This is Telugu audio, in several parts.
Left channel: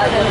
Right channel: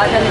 राजन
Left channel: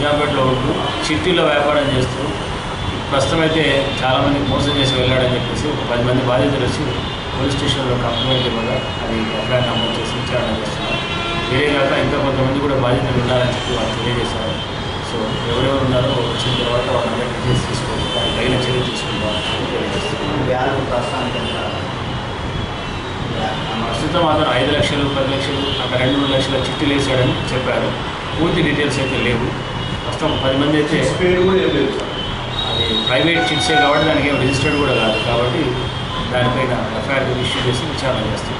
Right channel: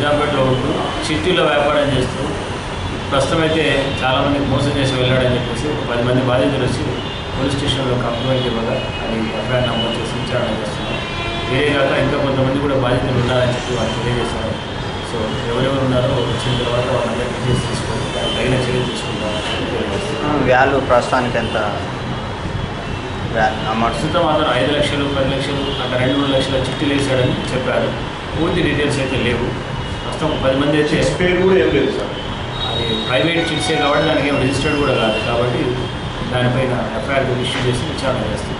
నిజాంపేటలో ఉంటూ చిట్టీలో వ్యాపారం చేస్తూ ప్రస్తుతం అయితే చాలామందికి మోసం చేసి వెళ్ళాడని చెప్పేసి ఒక పది మంది బాధితులు వచ్చి పోలీస్ స్టేషన్లో కంప్లైంట్ ఇవ్వగా అది ఎఫ్ఐఆర్ నమోదు చేసి విచారణ చేస్తున్నాం వేరే కాక ఇంకా కొంతమంది కూడా బాధితులు ఉన్నారని చెప్పి వాళ్ళు తెలియజేశారు. సో ఎవరెవరు ఉన్నారో వచ్చిన తర్వాత వాళ్ళందరికీ డీటెయిల్స్ తీసుకొని దానికి తగిన చర్య తీసుకుంటామని చెప్పి తెలియజేస్తున్నాం వ్యాలు ప్రస్తుతానికి ఎంత? ప్రస్తుతం అతను ఐదు లక్షలు పది లక్షలు అక్కడ రెండు మూడు లక్షల చిట్టీలు వేసాడని చెప్పారు. పూర్తి డీటెయిల్స్ అయితే లేవు. ప్రస్తుతం ఒక పది మంది అయితే పేరు కూడా ఏం లేదు సార్. అది ప్రైవేట్ చిట్సే కాబట్టి దానికి ఏం రిజిస్టర్డ్ కూడా కాదు. కాబట్టి దానిపైన ఎఫ్ఐఆర్ ఇష్యూ చేసి విచారణ చేస్తుంది